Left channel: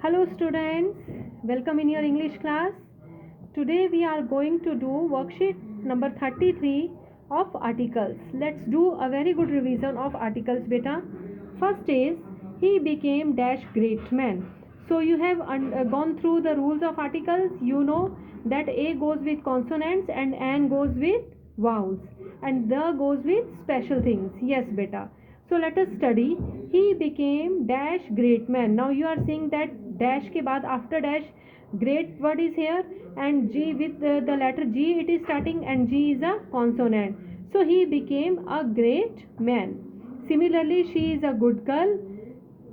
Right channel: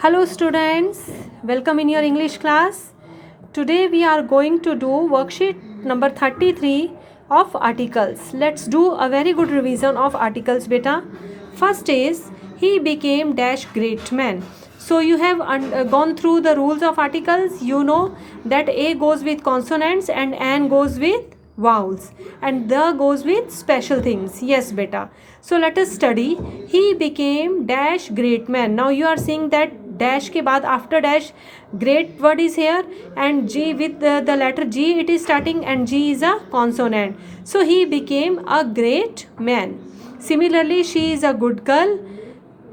Hello students, welcome in your English class. Today we are going to do worksheet number 33 of articles. Let's do a very good revision of articles beta. First is he became dash great man. So you have gone through the rules of articles. You know that A goes with consonants and N goes with vowels and the goes with special things. Yes beta. So let us study. He became dash great man. Now you are seeing that dash के बाद after dash great word is here and G with the letter G it is starting and G is a consonant. So he became a great man. Similarly, she is a good girl.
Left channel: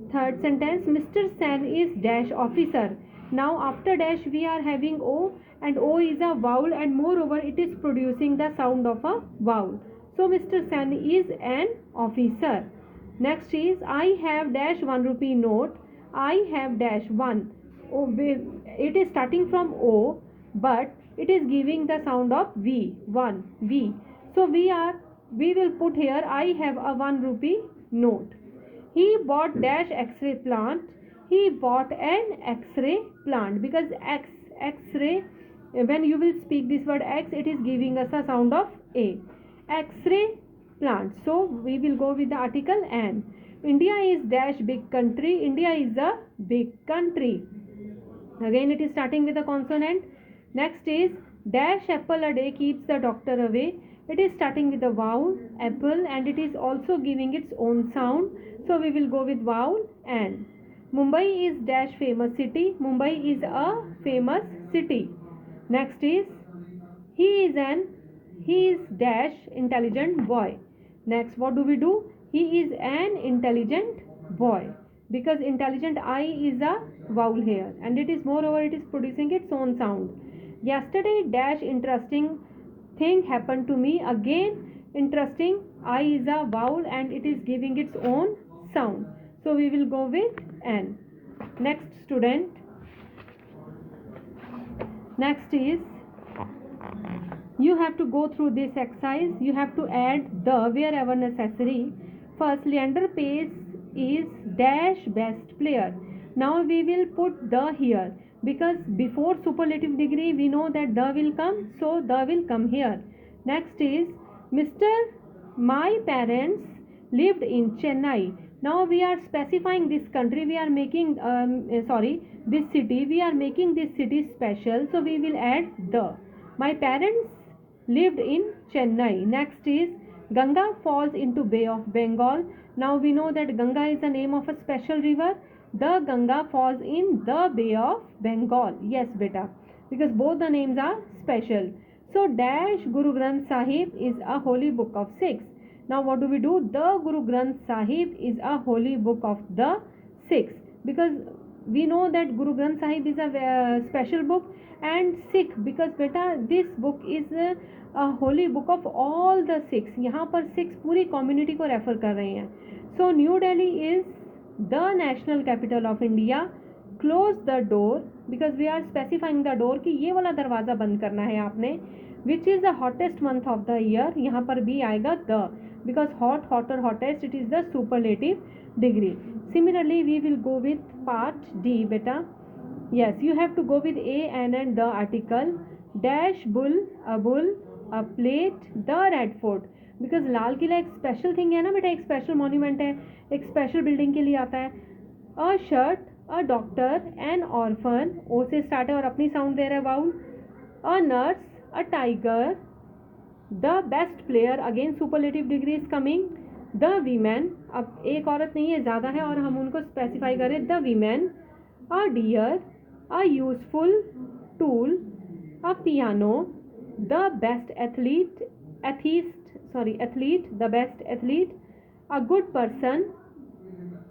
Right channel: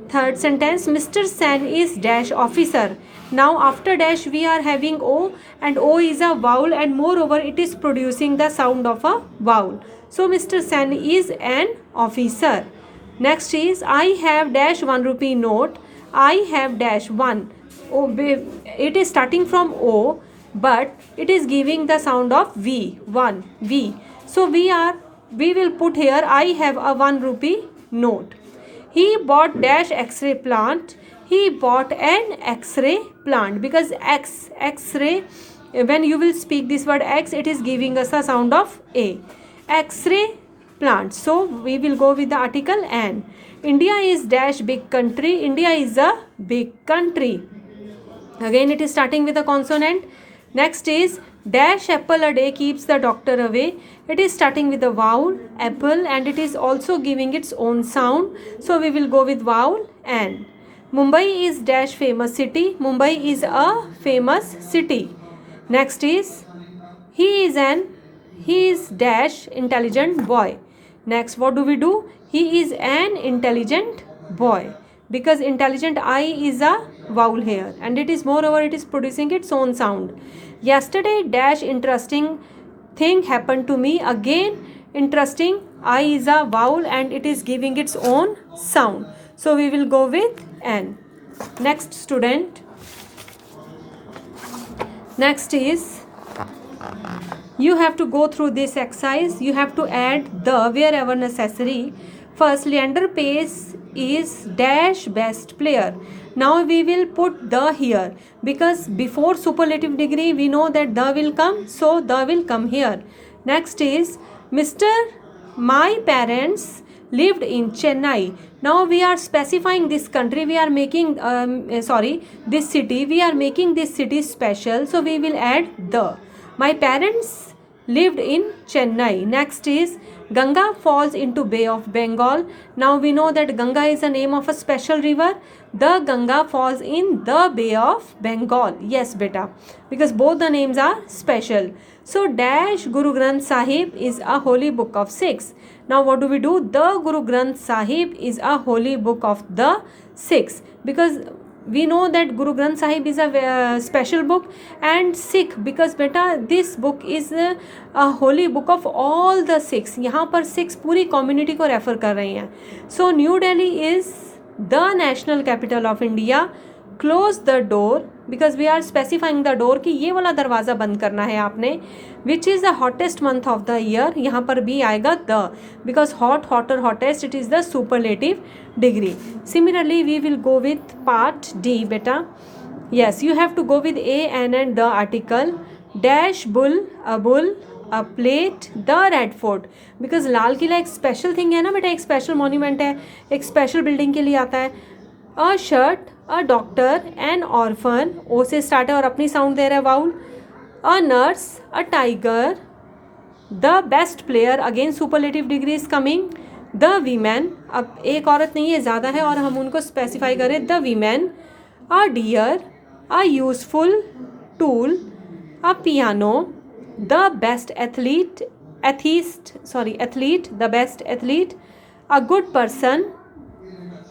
Third sentence, Mr. Sen is dash officer. Now after dash we are having O and O is a vowel and moreover it is producing the sound of a vowel. So Mr. Sen is an officer. Next is I have dash 1 rupee note. I have dash 1. It is starting from O but it is giving the sound of V. 1 V. So we will put here I have a 1 rupee note. He bought dash X-ray plant. He bought an X-ray plant because X-ray, when you will speak this word X, it is giving us a sound of A. X-ray plant. So we will go with the article N. India is dash big country. India is a big country. Again it is starting with a consonant. Next is dash apple a day keeps the doctor away. It is starting with a vowel apple and it is also giving its own sound. So we will go with vowel N. Mumbai is dash famous city. Mumbai is a famous city. Next is he is dash intelligent boy. Next what do we do? He is an intelligent boy because intelligent I is a vowel here and it is moreover it is producing its own sound. Yesterday dash interesting thing happened to me. Again interesting I is a vowel and it is giving its own sound. So we will go with N. Next student. Next is you have to go through this exercise. You have to add the wherever necessary. First, Leander Pace is dash best player. Now we will put the here because before superlative degree we know that the will come, so the will come here. Next is Mr. My parents lived in Chennai. Now we are specifying this country. We are making this city. We are making this city special. So we will add the. My parents lived in Chennai. Next is Ganga falls into Bay of Bengal. Now we know that Ganga is the name of a special river. The Ganga falls in the Bay of Bengal. Yes, beta. Because both the names are special. So dash Guru Granth Sahib is a holy book of Sikhs. Now what do we do? The Guru Granth Sahib is a holy book of the Sikhs. Because we know that Guru Granth Sahib is a special book and Sikh because beta this book is a holy book of all the Sikhs. यहाँ पर Sikhs पूरी community को refer कर रही हैं. So New Delhi is the national capital of India. Close the door because we are specifying the door कि ये वाला दरवाज़ा बंद करना है आपने. Which is the hottest month of the year? यहाँ पर भी आएगा the because hot, hotter, hottest it is the superlative degree. Similarly, we will go with part D beta. Yes, you have to go with A, N and the article. Dash bull, a plate, the red fort. Because Lal Qila एक special thing है ना बेटा, एक special monument है, एक special building के लिए आता है. A shirt, a doctor, an orphan. O से start है और अपनी sound दे रहा है vowel. A nurse, a tiger, the best player. Again superlative degree is coming. The women, अब एक औरत नहीं है ज़्यादा है और हम उनको specify करें. The women, a deer, a useful tool, a piano, the best athlete, the best athlete, a good person,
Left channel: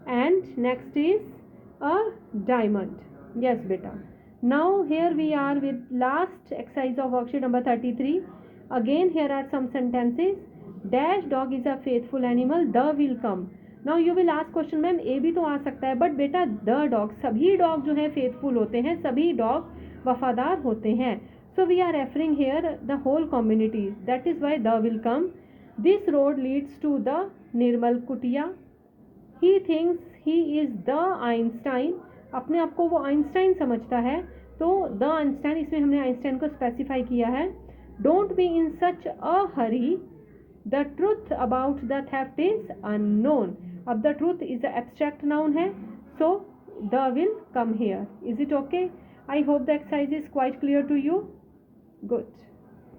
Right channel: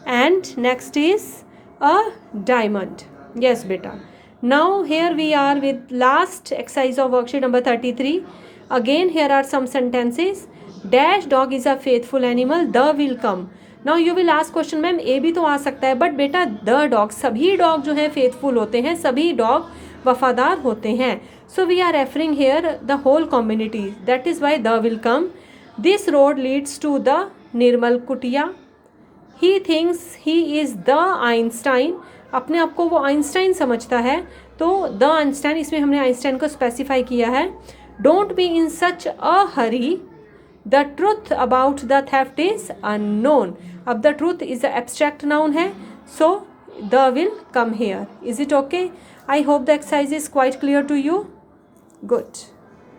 and next is a diamond. Yes beta. Now here we are with last exercise of worksheet number 33. Again here are some sentences. Dash dog is a faithful animal. The will come. Now you will ask question ma'am ए भी तो आ सकता है but बेटा the dog सभी dog जो है faithful होते हैं सभी डॉग वफादार होते हैं. So we are referring here the whole community. That is why the will come. This road leads to the Nirmal Kutia. He thinks he is the Einstein. अपने आप को वो आइंस्टाइन समझता है, तो द आइंस्टाइन, इसमें हमने आइंस्टाइन को स्पेसिफाई किया है. Don't be in such a hurry, the truth about the theft is unknown. अब the truth is a abstract noun है, so the will come here. Is it okay? I hope the exercise is quite clear to you. Good.